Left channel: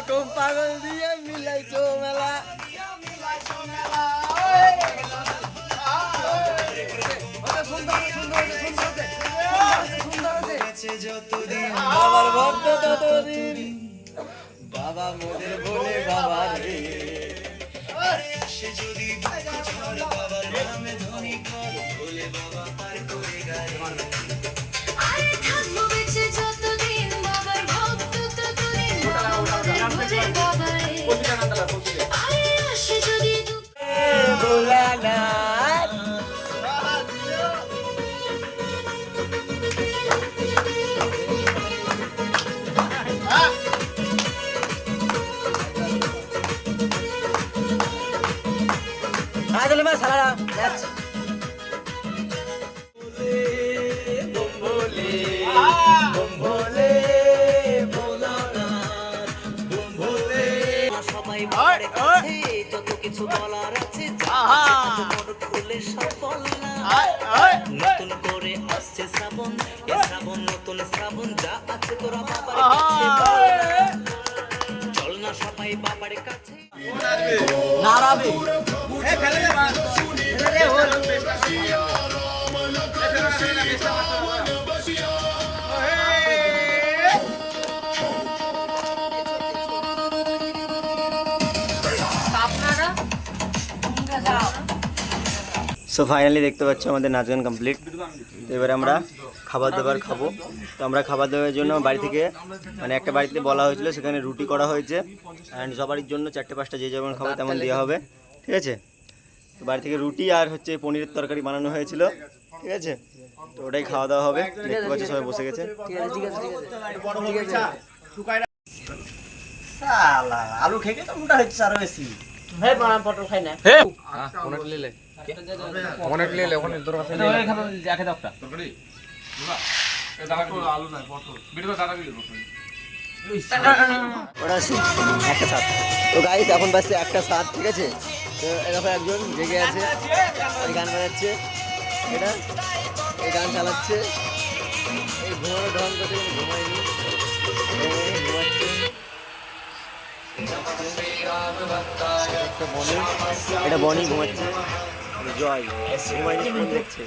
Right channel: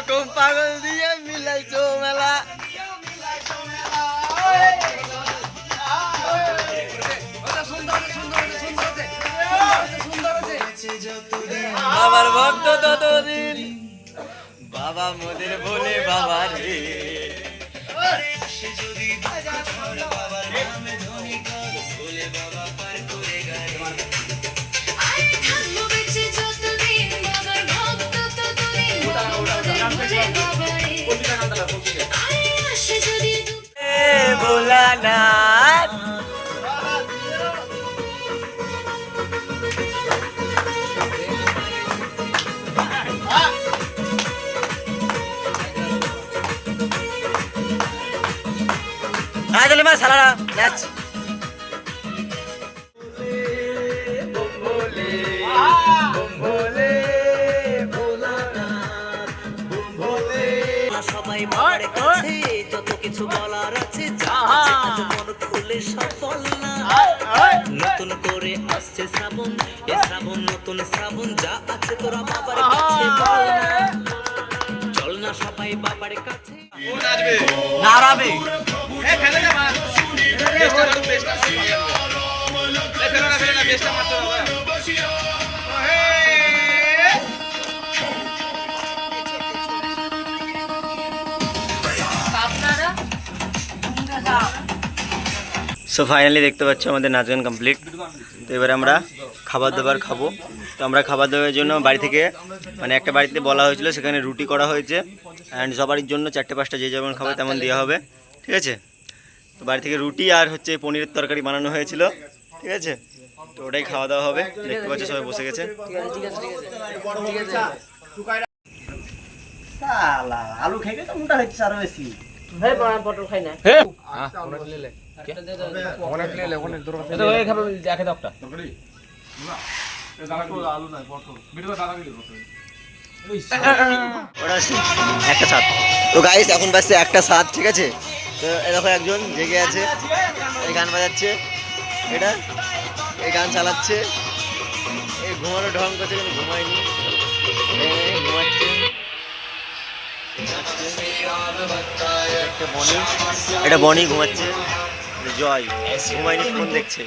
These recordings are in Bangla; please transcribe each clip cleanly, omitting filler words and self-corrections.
রকম পাগল দিয়ে মিলাইছো মেলা। বাবার ভক্ত ততদিন, বাবা মোদের বলে বাবা রে। ভোলানাথ আদলে মা সালারা নাচ। সবাই যত কিছু বলার আছে খুলে সফল না। নতুন করে আসছে শ্রাবণ, এ শ্রাবণ নতুন শ্রাবণ, যা আছে তোরা বাবার চল না সবাই বাবার কাছে নাড়াবে। সো ফাইনালি দেখতে পাচ্ছ আমাদের নাচ গান কমপ্লিট। তো এবারে আমরা খাবার দাবার খাবো। তো আমরা খাবার দাবারের জন্য বাড়ি থেকে মানে একটা বাড়িতে বলা হয়েছিল, সেখানে রুটি করা হয়েছে অ্যান্ড সবারই জন্য 4-5টা যে যেমন খাবে তেমন দেওয়া হবে, ঠিক আছে। তো বাড়ি থেকে রুটি আর হচ্ছে পনিরের তরকারি বানানো হয়েছিল, ঠিক আছে। তো ওটাই খাওয়া দাওয়া হবে। দেখতে পাচ্ছ সবাই বসে গেছে। আলু খেয়ে তো মোটা হচ্ছে আরো বেশি। পটল খাই না একটা সাত। তো গাইস এখন বাজছে 1:07, ঠিক আছে। তো এরকম একজন জেগে আছে, এই গান বাজাচ্ছে, এটা এই গান চালাচ্ছে, এই ঘুমানো ঢং করছে কিন্তু ঘুমায়নি, ঘুমাচ্ছে। এটা বনি ঘুমাচ্ছে, জয় ঘুমায়নি, ফোন দেখছে।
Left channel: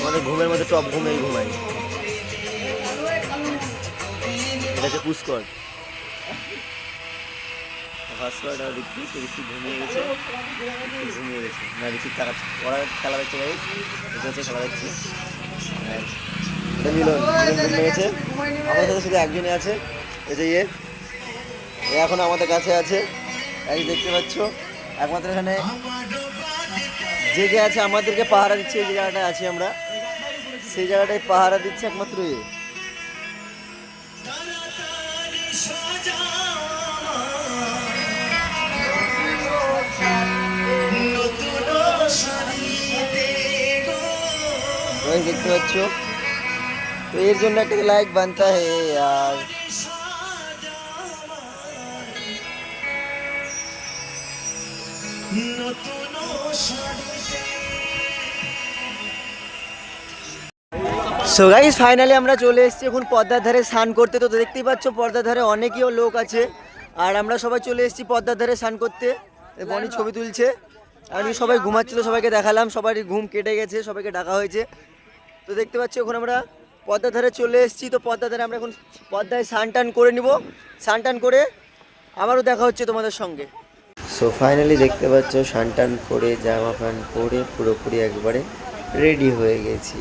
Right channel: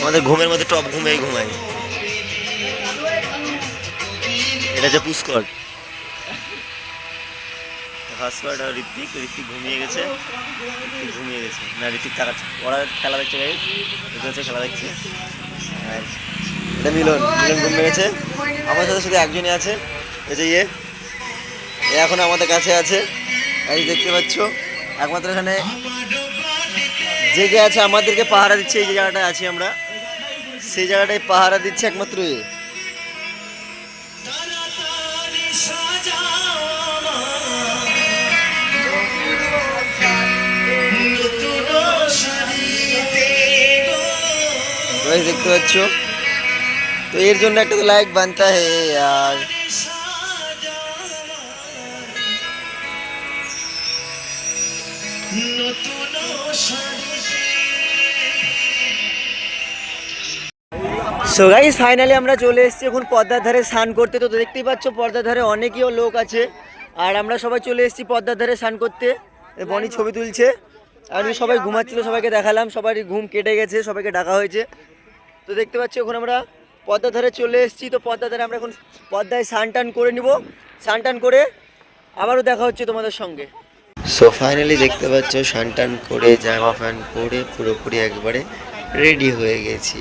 আমাদের ঘুমের মধ্যে টপ ঘুমেই ঘুমায়। এটা হচ্ছে পুষ্কর, হাসপাট আর ঋত্বিক ঘুমিয়ে গেছে, না ঋত্বিক তাকাচ্ছে, ওরা খেলা দেখছে, গাইস এটা হচ্ছে খেলা দেখছে। আর এটা মিলন ঘুমিয়ে গেছে। আমার সাথে শুধু একজনই আছে, এই যে এ এখন আমাদের কাছে আছে, গাইস দেখতে পাচ্ছ। একমাত্র এখানে জেগে আছে, আমাদেরকে পাহারা দিচ্ছে। এই যে জায়গাটায় আছি আমরা, সেই জায়গাটায় পাহারা দিচ্ছে একমাত্র এ। দেখতে পাচ্ছ। তো এর জন্য একটা তো লাইক বানতা হে यार। সো গাইস ফাইনালি আমরা চলে এসেছি এখন পদ্মার ধারে স্নান করতে। তো দেখতেই পাচ্ছ পদ্মার ধারে অনেকেও লোক আছে, আর আমরা সবাই চলে এসেছি পদ্মার ধারে স্নান করতে। বনি ছবি তুলছে, আর সবাই ঘুমাচ্ছিল, সবাইকে দেখালাম, সবারই ঘুম কেটে গেছে, সবাইকে ডাকা হয়েছে। তো দেখতে পাচ্ছি এখন আমরা পদ্মার ধারে চলে এসেছি। তো পদ্মার ধারে আমরা এখন পদ্মায় স্নান টান করে নিব, স্নান টান করে আবারও দেখা হচ্ছে তোমাদের সঙ্গে। সো ফাইনালি দেখতে পাচ্ছ স্নান টান করে জামা প্যান্ট পরে পুরোপুরি একবারে রেডি হয়ে গেছি।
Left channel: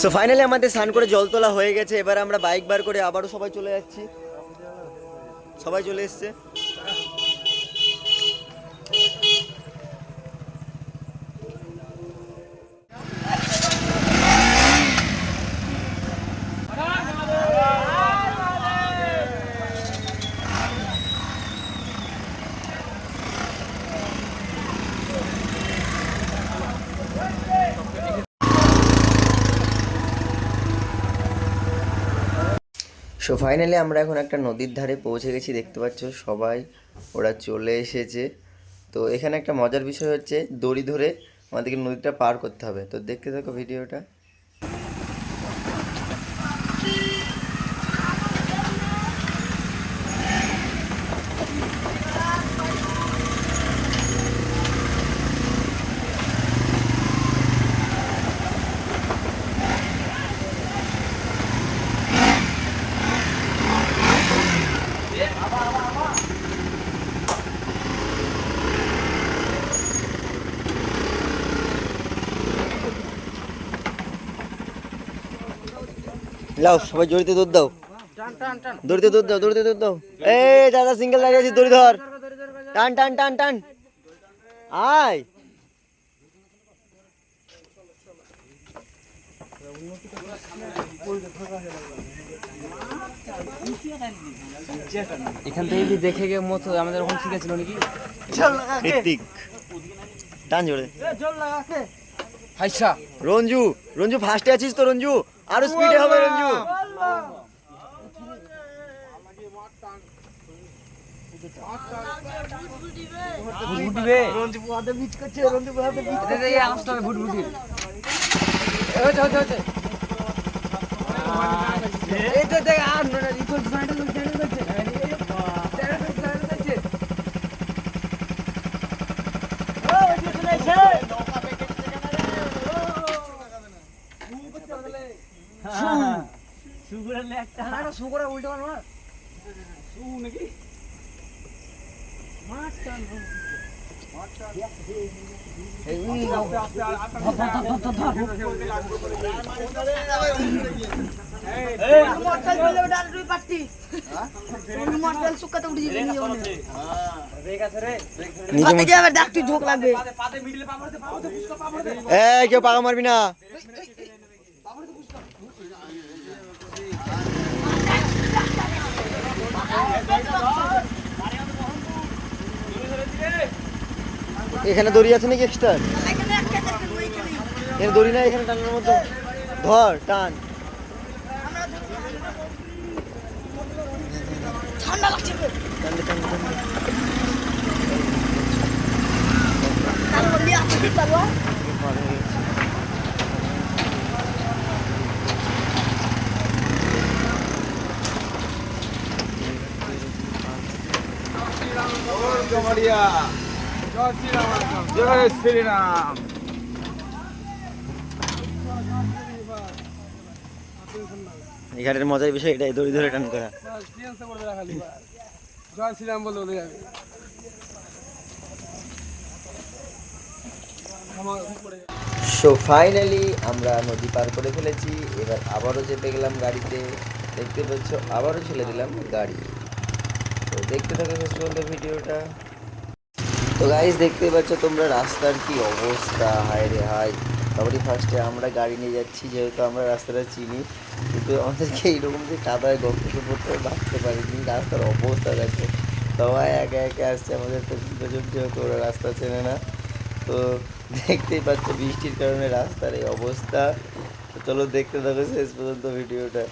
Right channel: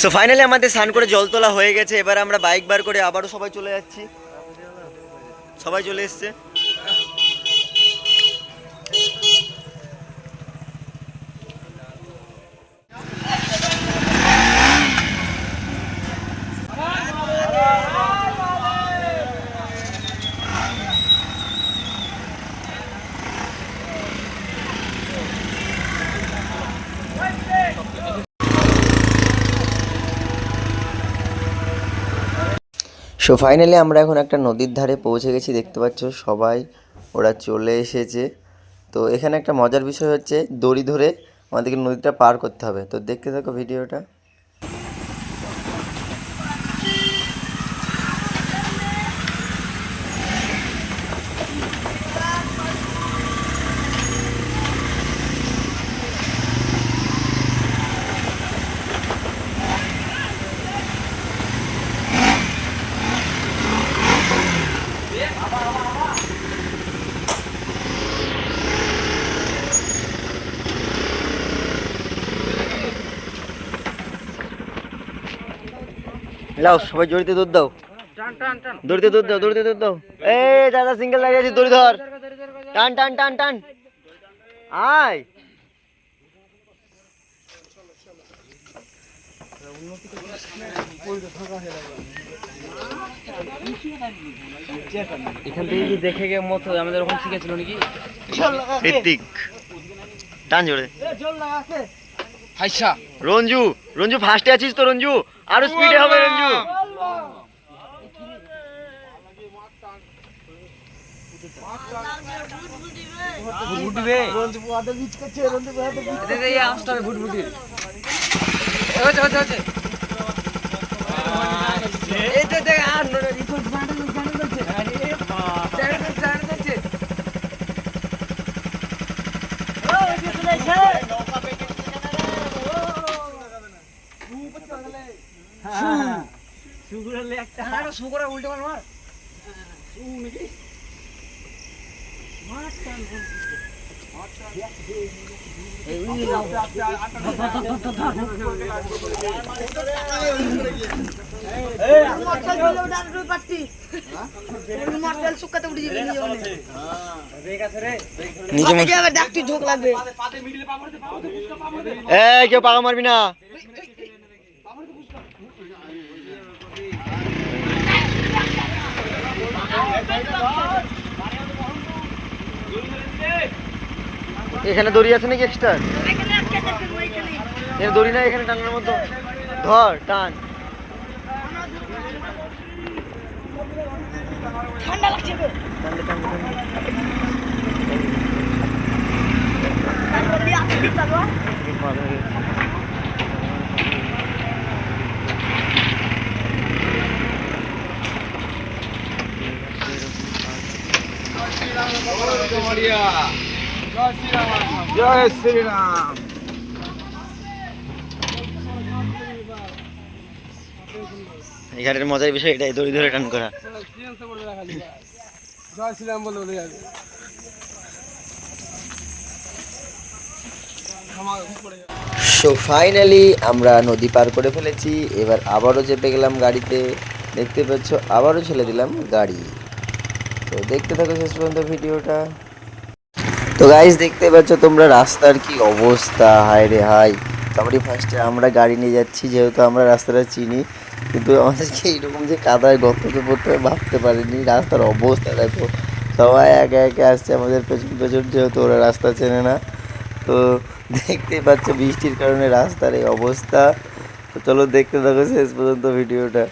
সো ফাইনালি আমাদের স্নান করে জল তোলা হয়ে গেছে। এবার আমরা বাইক বার করে আবারও সবাই চলে যাচ্ছি, সবাই চলে এসছে। সো ফাইনালি আমরা এখন একটা নদীর ধারে পৌঁছে গেছি, দেখতে পাচ্ছ সবাই ওরা চলে এসেছে। তো এখানে একটা মজার বিষয় হচ্ছে দড়ি ধরে আমাদেরকে নদীটা পার করতে হবে। তো দেখতে থাকো ভিডিওটা। লাও সবাই জড়িতে দৌড় দাও, দড়িতে দৌড় দাও, দড়িতে দৌড় দাও। এই দাদা সিঙ্গেল দাঁড়িয়ে আছে, দড়ি ধর, টান টান টান টান, আয়। এখান থেকে কি দেখে গিয়ে মতো আমাদের ওখানে শিখেছিল নাকি? ঋত্বিক টান জোরে। হাইসা রঞ্জু, রঞ্জু ফার্স্টে আছিস তো রঞ্জু, আরো স্পিডে হবে রঞ্জু। বুটবুটিবে রঞ্জু বুয়াতে বিচ করছে, রঞ্জু বুয়াতে বিচ করছে। এই আসতে হবে বুটবুটির। হচ্ছে হচ্ছে হচ্ছে। এই তো দেখ আর রিপোর্ট বাড়ে যাচ্ছে। আরে বাপ যাচ্ছে। ও এই তো নেছে। হ্যাঁ সুগুরালে একটা আরে সুগুরা উল্টো মার সু নাকি মাছ টান এই উনি যাও এই মোটরসাইকেল বলে ডাল দুই পাটি হ্যাঁ মোটরসাইকেল শুকাতে উঠে যাবে নিয়ে ওনে হ্যাঁ ব্রেক আছে রে নিচে মত আগে ডাকতি ঝোক লাগবে পাতে মিডলে পাবড়তে পুষ্কা পাবড়তে। এই কেউ পাগা মারবি না। এখানে দড়ি আছে নাকি এক্সট্রা? এখানে দড়ি না, এখানে টানার মতো ধর টান। ঠান্ডা লাগছে রে টানলে টানলে টানলে তারপর দিয়ে আতে দিতে হবে পার হয়ে গেছে। জয় শ্রীরাম। এখানের মজার বিষয় এটাই, দড়ি ধরে টান করা। জয় শ্রীরাম বলো। সো ফাইনালি আমরা নদী পার করে ফেলেছি। এবার আবারও চেপে গেলাম গাড়িতে, দেখতে পাচ্ছ আবারও ছেড়ে দিলাম গাড়ি। তো দেখতে থাকো শেষ পর্যন্ত ভিডিওটা। তো গাইস দেখতে পাচ্ছ তোমরা রাস্তার কি অবস্থা, হায় রে হাই। সবারই ফার্স্টে আমরা গাড়ি নিয়ে যাচ্ছি, যেহেতু আমরা রাস্তাটা চিনি, কিন্তু আমাদেরকে এইরকম যে কাদায় গর্ততে পড়তে হবে ভাবতে পারিনি। রাস্তার অবস্থা দেখো, সবাই একে একে আসছে আমাদের পেছন পেছন, যেহেতু ওরা রাস্তা চেনে না। তো দেখতেই পাচ্ছ বৃষ্টির কারণে রাস্তার এই অবস্থা। তো চলো দেখতে থাকো শেষ পর্যন্ত ভিডিওটা।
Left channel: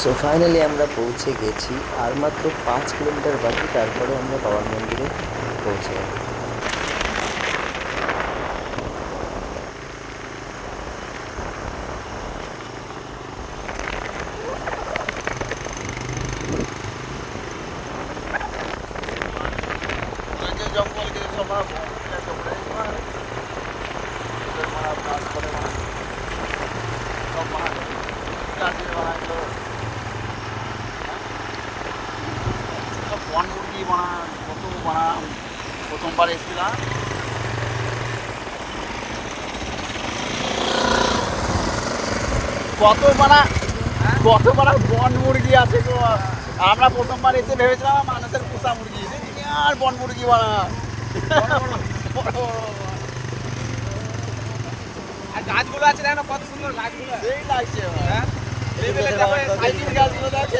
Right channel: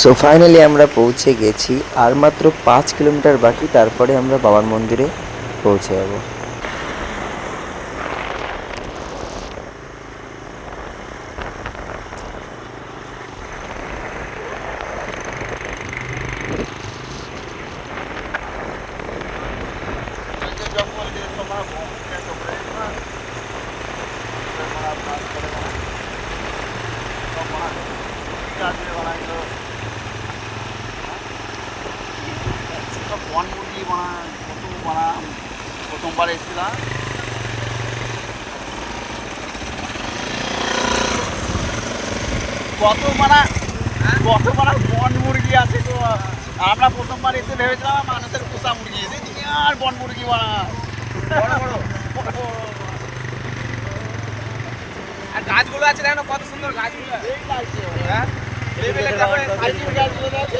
সো ফাইনালি আমরা পৌঁছে গেছি, আর মাত্র 5 কিলোমিটার বাকি, তারপরে আমরা বাবার মন্দিরে পৌঁছে যাবো। প্রথমবার এসেছিলাম। কত পাড়া বন মুরগি আছে গো। আমরা প্রথমবার এসে ভেবেছিলাম মানুষের পোষা মুরগি, আর বন মুরগি বানা গাছগুলো আছে দেখো কত সুন্দর গাছগুলো। এই লাগছে হ্যাঁ, এই সাইকেল গাছগুলো আছে।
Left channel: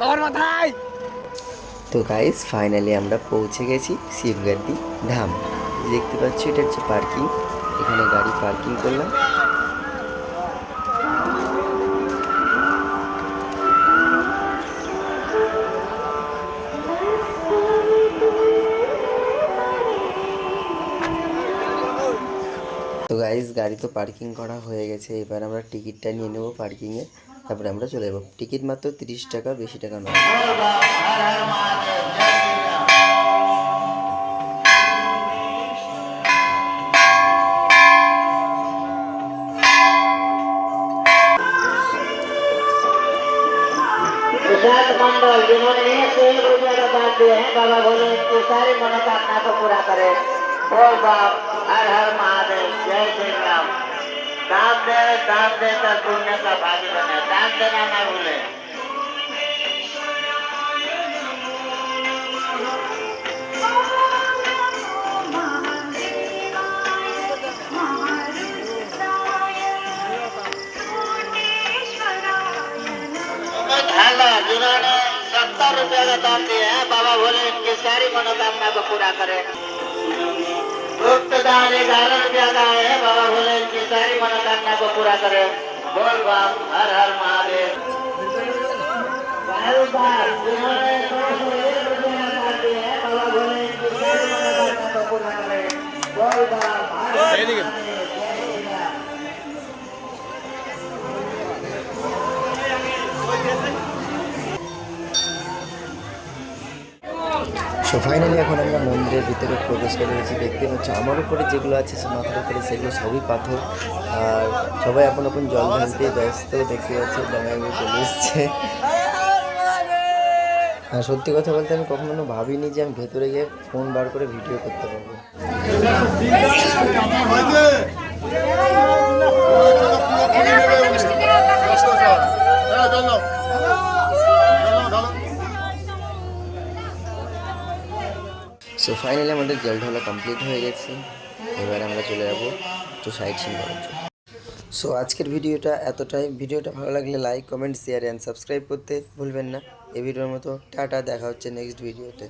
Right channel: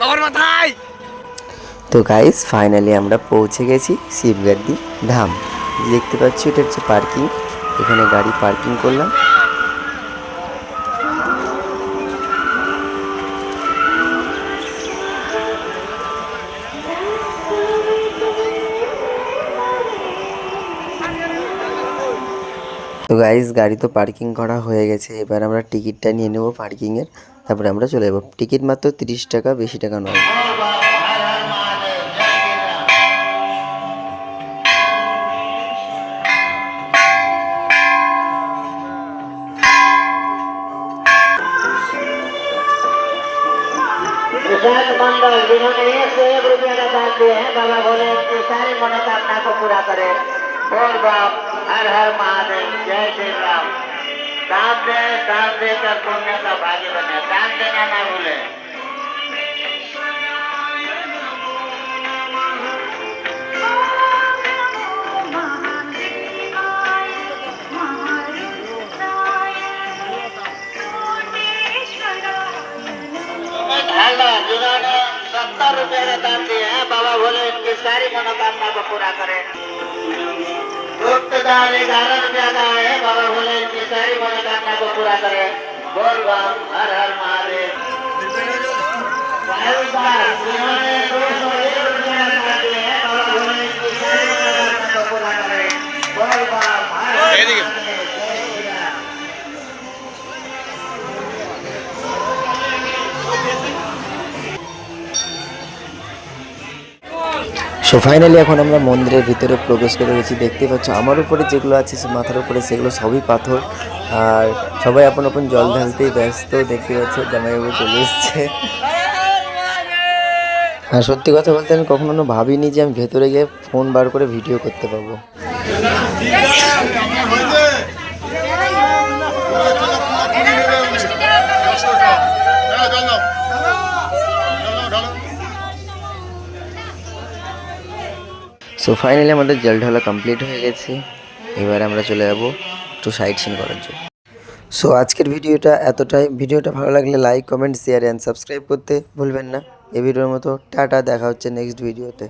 বাবার মাথায়। তো গাইস ফাইনালি আমরা পৌঁছে গেছি শিবগাদ্দি ধাম। দেখতে পাচ্ছি এটা হচ্ছে পার্কিং, এখানে গাড়ি পার্কিং করলাম। তো গাইস গাড়ি তো পার্কিং করা হয়ে গেছে, এবার আমরা টিকিটটা নিয়ে নেবো পার্কিংয়ে, তারপরে আমরা চলে যাবো। টিকিট মাত্র 30 টাকা, বেশি টাকা নয়। विशाल मंडल जिन्होंने 101 रुपये का दान दिए हैं, बाबा भोले उनकी सारी मनोकामना को पूरा करें। बोल बाप हर हर महादेव, जय श्री राम। दान देकर पुण्य का भागी बने, दान देना ना भूले। जिन्होंने 70 रुपये का दान दिए हैं, बाबा भोले उनकी सारी मनोकामना को पूरा करें। गुप्त दान 11 रुपया का है, बाबा भोले उनकी सारी मनोकामना को पूरा करें। बोल बाप हर हर महादेव। जिन्होंने 201 रुपया का दान दिए हैं, बाबा भोले उनकी सारी मनोकामना को पूरा करें। बोल बाप हर हर महादेव, जय श्री राम। সো ফাইনালি এখন আমরা মন্দিরের ভিতরে প্রবেশ করে গেছি। দেখতে পাচ্ছ আমার উপরে যেগুলো আছে সে মাথার উপরে সেগুলো সবই পাথর, আর সবাই আপন আপন জল ঢালতেই ব্যস্ত। দেখতে পাচ্ছ জামাইবাবু চলে এসছে। হ্যাঁ সত্যি কথা বলতে আমি কখনো ভাবিনি যে আমি ভেতরে গিয়ে ফোন বার করে ভিডিও করতে পারবো। সো ফাইনালি আমাদের জল ঢালা কমপ্লিট হয়ে গেছে, এবার আমরা চলে যাবো একটু সাইট সিন করার জন্য। সো আজকের ভিডিওটা এতটাই। ভিডিওটা ভালো লাগলে like, comment, share and subscribe করতে ভুলবেন না। এই ভিডিওর মতো টাটা, দেখা হচ্ছে নেক্সট ভিডিওতে।